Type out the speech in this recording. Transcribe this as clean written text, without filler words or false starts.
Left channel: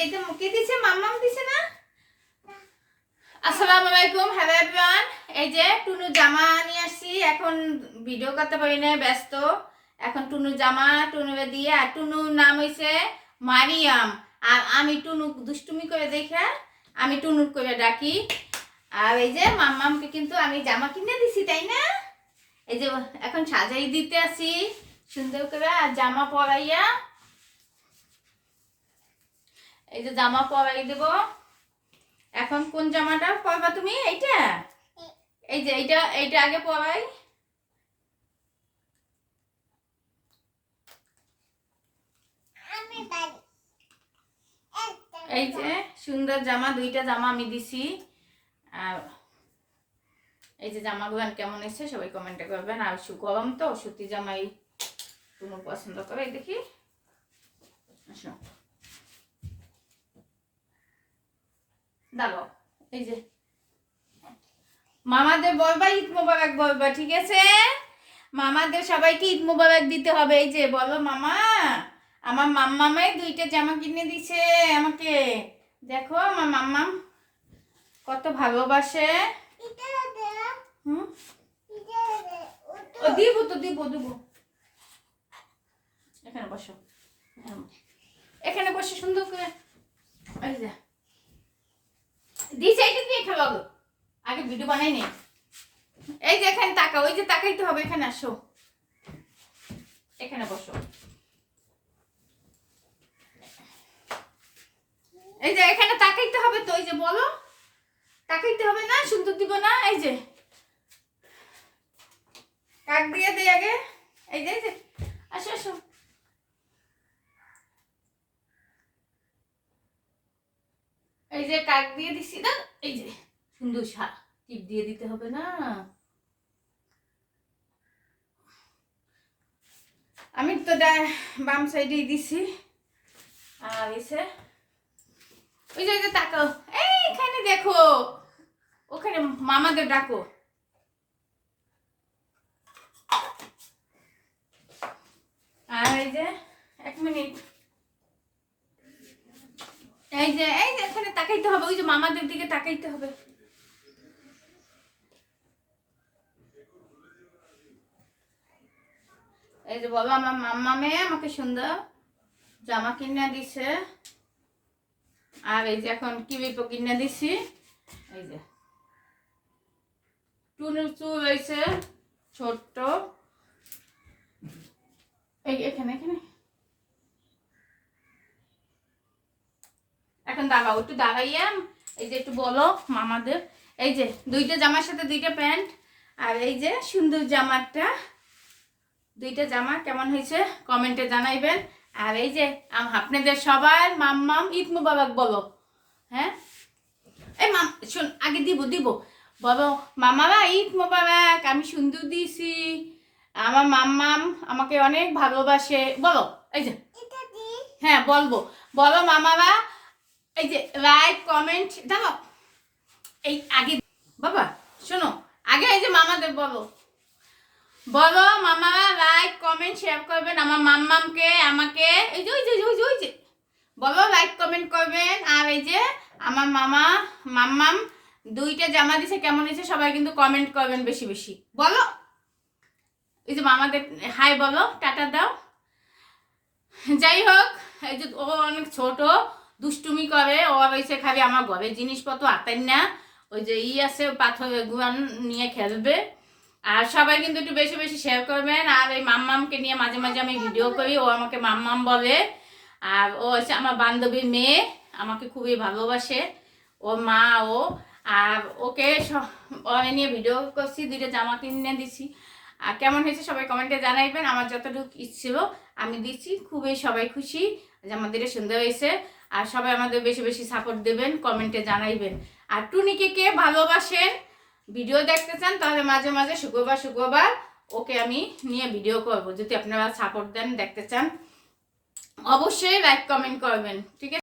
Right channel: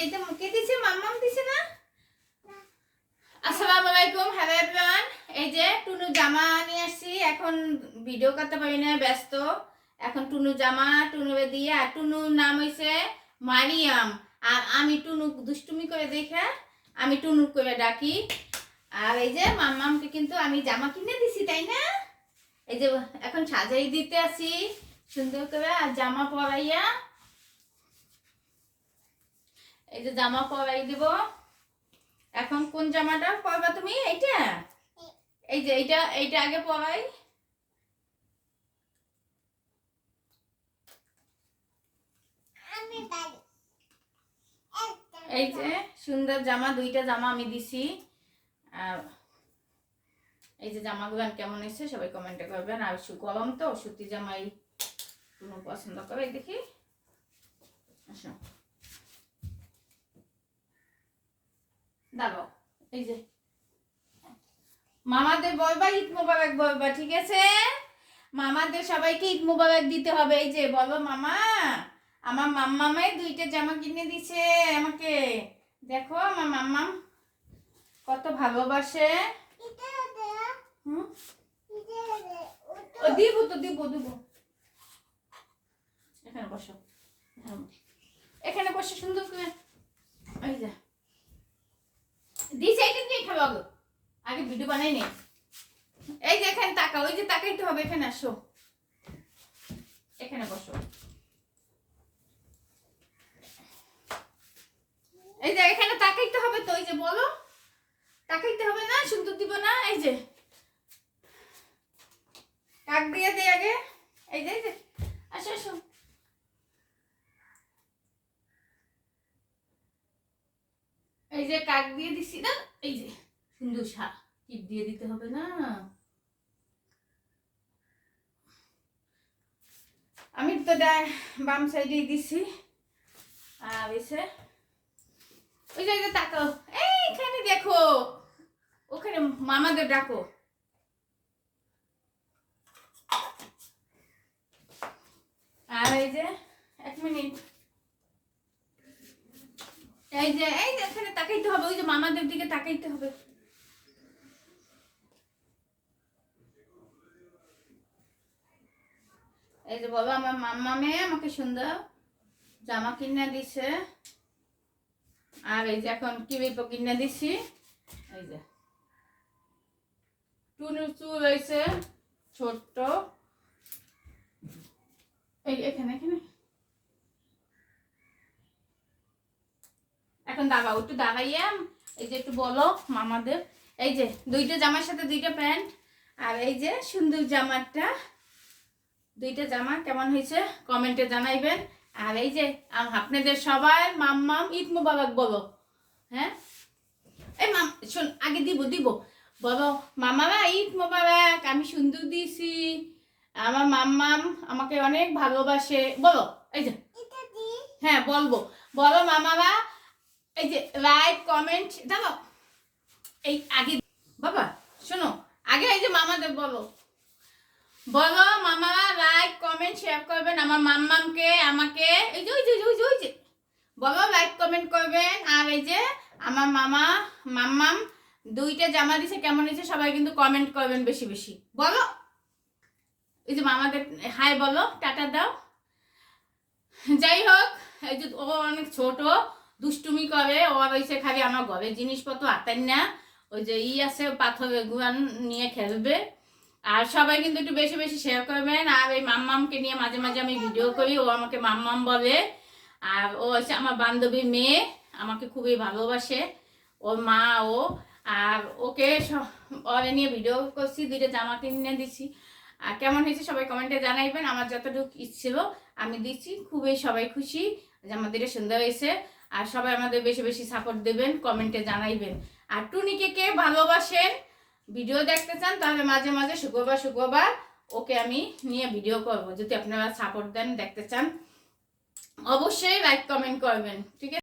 যে এটা মুখে দিছে, মাম্মাম দিছে না? আসসালামু আলাইকুম, হ্যালো এভরিওয়ান। এই যে টুনু জামা নিয়ে আসছি, এখন ভিডিও করতে পারি না, ব্যস্ত। এখন টুনু জামা টুনুরে দিয়ে, আর টুনুর নাম হইছে মারিয়াম, আর আমি টুনু দুষ্টুমি করে দেখে আমি টুনুর করে ডাকি। আর এই যে মাম্মামকে কিন্তু আমি জামা কিনে দিছি, তাই না? এই যে এখন সাজাই দিতে আসি সুন্দর করে, আর জামা পরাইয়া, এই যে জামা পরাই দেব। এখন কোন জামাটা পরবা তুমি? এইটা, এই যে এইটা এইটা আগে পরাই। এই যে সুন্দর জামা, দুইটা জামা আমি দিছি। আর এই যে জামাগুলো কেমন এসেছে সবাই কমেন্টে করবেন। আর গরম তো, সুতি জামাই কোনো পছন্দ করে। দেখি, আসো দাঁড়াও। এই যে মামাদের বলবা ঈদ মোবারক বলবা, ঠিক আছে? মামাদের সবাইকে ঈদ মোবারক দিতে হবে। এই যে বলো, মামা আমার মাম্মামে দুইটা জামা কিনে দিছে আমাকে। দেখো আমার মাম্মাম কত ভালোবাসে। ও দিব তো, দিব দিব। এখানে বসো, এখানে বসে সুন্দর করে। এই যে দিছে, এইটা দিয়ে খেলো গো, আগে ভিডিও বানাই নেই। এই যে এখানে তাকাও, ওই যে তাকাইতে হবে, এখানে আসো, এখানে বসো। এই যে এখানে তাকাইতে হবে তো, এই যে বলো, তাকাইতে হবে না? সুন্দর দিব না? এই যে কাক দিয়ে দে আগে। এই যে আসো আসো। এই যে কাক দিয়ে দিছি না, এই যে সুন্দর টিপ দিয়ে দিতে হবে না? আমি তো বাম সাইডে দিছি। আর এসে ওই যে তাকাও, এইখানে দেখো, ওখানে মামাদের ডাকো। আর এই যে এক মিনিট, এই যে এখানে তাকাইতে হবে, ওই যে মামাদের দিকে তাকাইতে হবে। এই যে বলো, আমার মাম্মামে আমাকে সুন্দর জামা কিনে দিছে। আর এই যে এখন কিলিপ কিনে দিছি। এই যে টুনুর চুল হয়েছে ছোট্ট, এখানে এখানে। এখন দাঁড়াও, একটু দাঁড়াইয়া এই যে একটু বলো মামাদের। এই যে দুইটা জামার সাথে দুইটা প্যান্ট, আর এই যে সুন্দর জামাটা, দুইটা জামা কেমন হয়েছে কমেন্টে জানাইবেন। আর এই যে আপনাদের সবার মাম্মাম ঈদ মুবারক বলো। হ্যাঁ, এই মাম শোন, আগে দিব দিব, বলো মামারা ঈদ মুবারক, আমি সুন্দর দিয়েছি, আমার মাম্মাম আমাকে অনেক ভালোবাসে, বলো। এই যে হ্যাঁ বলবো, বলো মামারা। এই যে লাইক কমেন্ট দাও, এই আগে বাবা শোনো, আগে এই যে মামাদের বলো, বলো মামারা লাইক কমেন্ট শেয়ার করবেন আমার মাম্মামকে, আমাকে। এই যে ওই যে ওই যে ওই যে বলো লাইক কমেন্ট করবেন। আর এই যে আমার মাম্মাম দুইটা জামা দিছে, কেমন হয়েছে সবাই কিন্তু কমেন্ট করবেন বেশি বেশি, বলো। এই যে মামাদের হাই বলো, টাটা দাও। যাই হোক, এই যে ও অনেক ছোট, দুষ্টুমি করে, ও হয়েছে খালি আমার ঘরের জিনিসপত্র আতেন না, ওই যে আছে পাথরের গুয়ান নিয়ে খেলবে। আর সবাই কিন্তু একটু বেশি বেশি শেয়ার করবেন। আর এই মাম্মামকে নিয়ে মাঝে মাঝে আমি ভিডিও করি, ও আমাকে মাম্মাম বলে। আর ও হচ্ছে আমার বান্ধবীর মেয়ে, আমাকে খুবই ভালোবাসে, ওর মা ও। আর ওকে ওরে নিয়ে ভিডিও করছি, দুইটা জামা কিনে দিছি। আর কেমন হয়েছে সবাই কমেন্টে জানাইবেন। আমার যতটুকু ইচ্ছিল আমি দিচ্ছি, খুবই সবাই খুশি যে আমাদের সুন্দর হয়েছে। আর সবাই আমাদের বেশি বেশি সাপোর্ট দেবেন, কমেন্টে জানাইবেন। আর টুনিকে কে ভালোবাসেন, ভিডিও দেখতে চান, তাহলে মাঝে মাঝে শুক্রবার ওকে আমি নিয়ে ভিডিও করব। যদি আপনারা সাপোর্ট দেন, দেখতে চান, অবশ্যই লাইক কমেন্ট করবেন, ঠিক আছে?